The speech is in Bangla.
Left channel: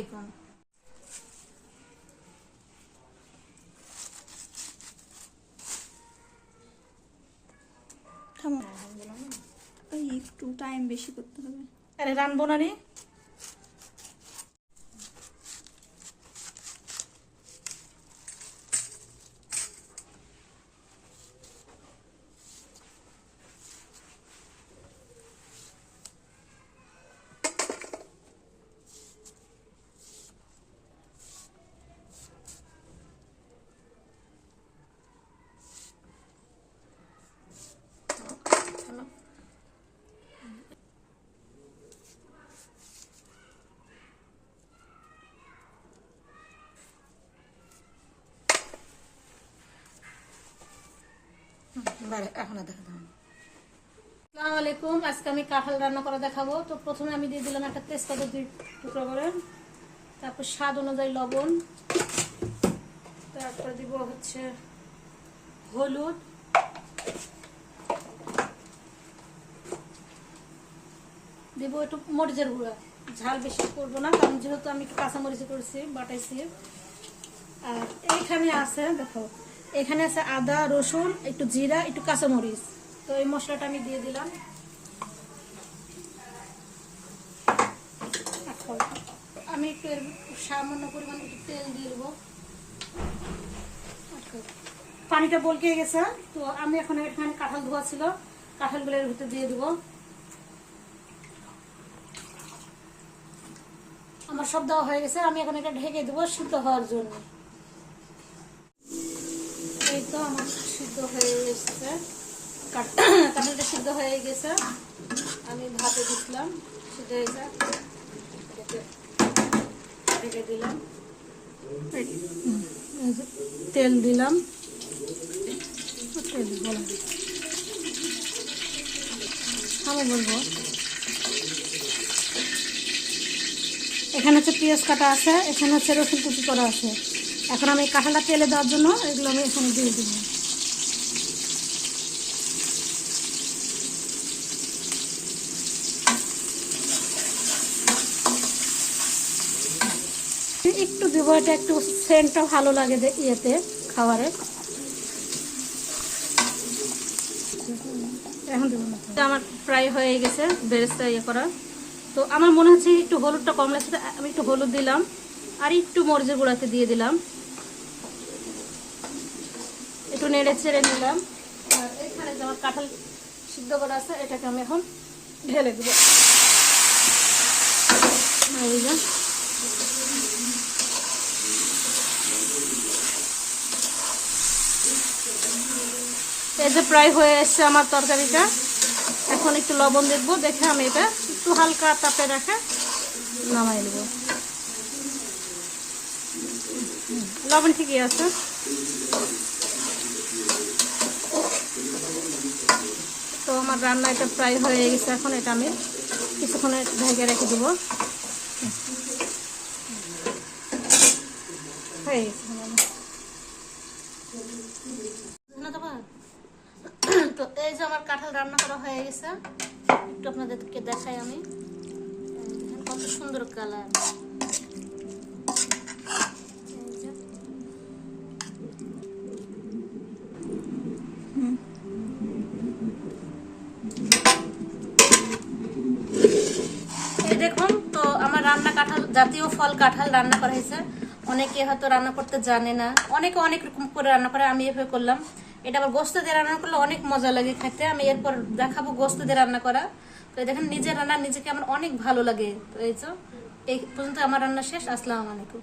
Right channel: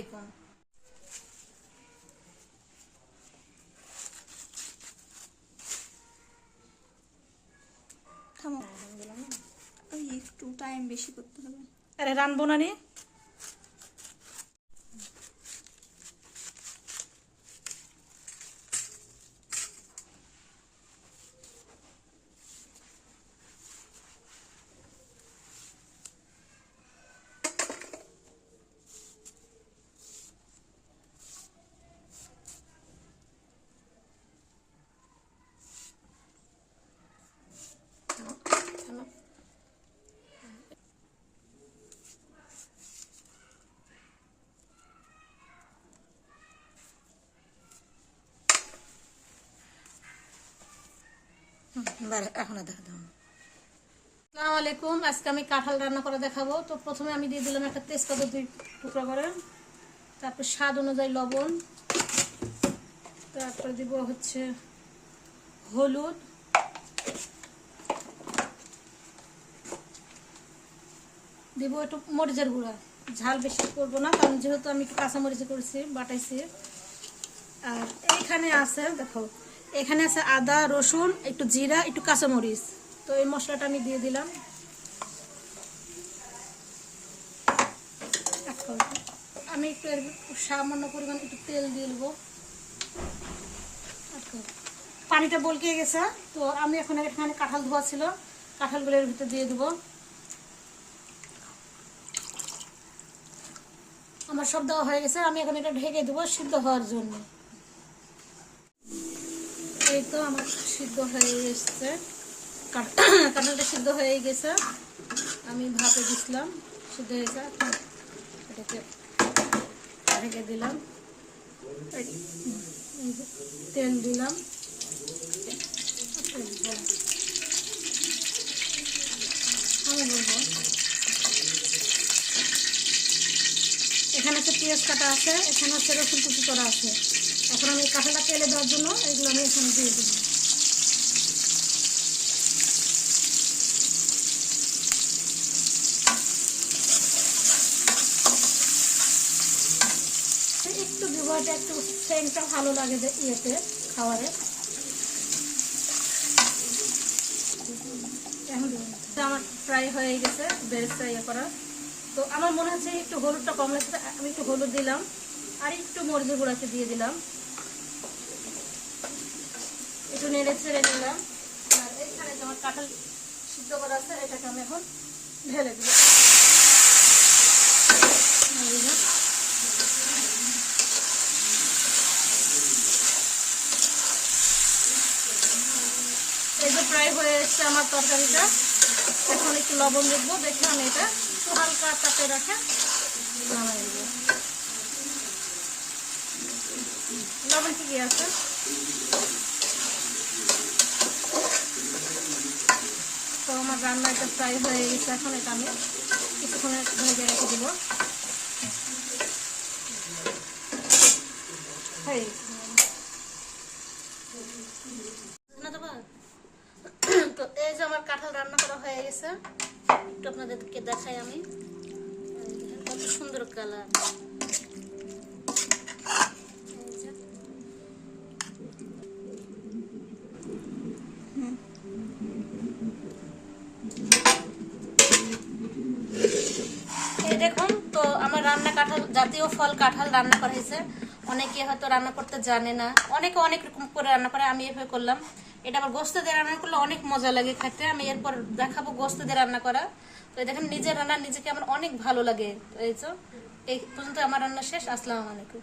আলাইকুম। থামো, ওই একটু টাইম বেশি করতে হবে। আরে রানবো না নি। এখন দেখাবো। আসসালামু আলাইকুম। আজকে আমি কাঁঠাল রান্না করে দেখাবো। তো প্রথমে আমি দিয়ে দিলাম একটা তেজপাতা 2 টুকরা করে, তারপর স্বাদ অনুযায়ী লবণ, তারপর দিব হচ্ছে হলুদ, দিব একটু মরিচের গুঁড়া। ঝাল বেশি করবো না, কারণ যেহেতু আমি একটু কাঁচা মরিচ করেছি, বাটাইছি। আর এইখানে আছে দেখো, এখানে আছে আদা, রসুন, একটু জিরা, একটু কাঁচামরিচ। তো এই মশলাটা আমি দিয়ে দিলাম। আমি একটু সামান্য পরিমাণ একটু তেল দিয়ে দেবো। পানিটা বলকে গেছে, তো আমি এখন এখানে কাঁঠাল ধোয়া ছিল, কাঁঠালগুলো এর ভিতরে দিয়ে দেবো। আমার সব দেওয়া হয়ে গেছে, আমি এখন এটা ঢেকে দেবো সিদ্ধ হওয়ার জন্য। এই তো আমার সিদ্ধ হয়ে গেছে, কাঁঠালটা সিদ্ধ হয়ে গেছে। আমি ভাপে দিছিলাম, সিদ্ধ হয়ে যায়, এটাকে ঢেকে দিলাম। তেল দিলাম, আমি বলবো এখানে হচ্ছে পেঁয়াজ কাটা আছে, এখানে হচ্ছে রসুন কুচি করা আছে। এখন আমি কাঁঠালটা তেলে দেওয়ার জন্য এগুলো আমি এখানে দিয়ে দিব। একটু দিব, এটা একটু সেন্টটা ভালো লাগে যে ইয়েতে খাবারে। এখন আমার প্রায় হয়ে গেছে বেরেস্তা ইয়ে করা। তো আমার মনে হচ্ছে একটু হলুদটা কম লাগছে, আমি একটু হলুদ দিলাম, আর একটু মরিচের গুঁড়াতে দিয়ে দিলাম, একটু নেড়ে ছেড়ে নিলাম। আর এখানে যে আমার কাঁঠাল সিদ্ধ করা আছে, এটাকে আমি এখন ঢেলে দিব। এই যে প্রায় হয়ে এসছে আমার তরকারিটা। এখন একটু লবণ দেখবো, দেখে আমি এটা একটু হালকা তাপে রাখা নামাই দেব। লবণ ঠিকই আছে। তো আমার রান্না এটা প্রায় হয়ে গেছে, এখন এটা আমি কিছুক্ষণে ঢেকে রেখে দেবো। তো এই যে আমার কাঁঠাল রান্না করা হয়ে গেছে, একটু আপনাদেরকে দেখাই আমি। কত সুন্দর কালার। এই দেখুন, তো আমার রান্না কাঁঠাল, জাতীয় ফল কাঁঠাল রান্না করা হয়েছে। অনেকে হয়তো রান্না করতে জানে না, অনেকে অনেক রকম করে রান্না করে, আমি এভাবে করলাম। এটা আবার গোস্ত দিয়ে রান্না করলে অনেক মজা লাগে খেতে। আমি এরপর দেখাবো গোস্ত দিয়ে রান্না করা। তো দেখেন, নিজের রান্না নিজেকে আমার অনেক ভালো লাগে। তো এই পর্যন্ত আমার রান্না শেষ। আসসালামু আলাইকুম।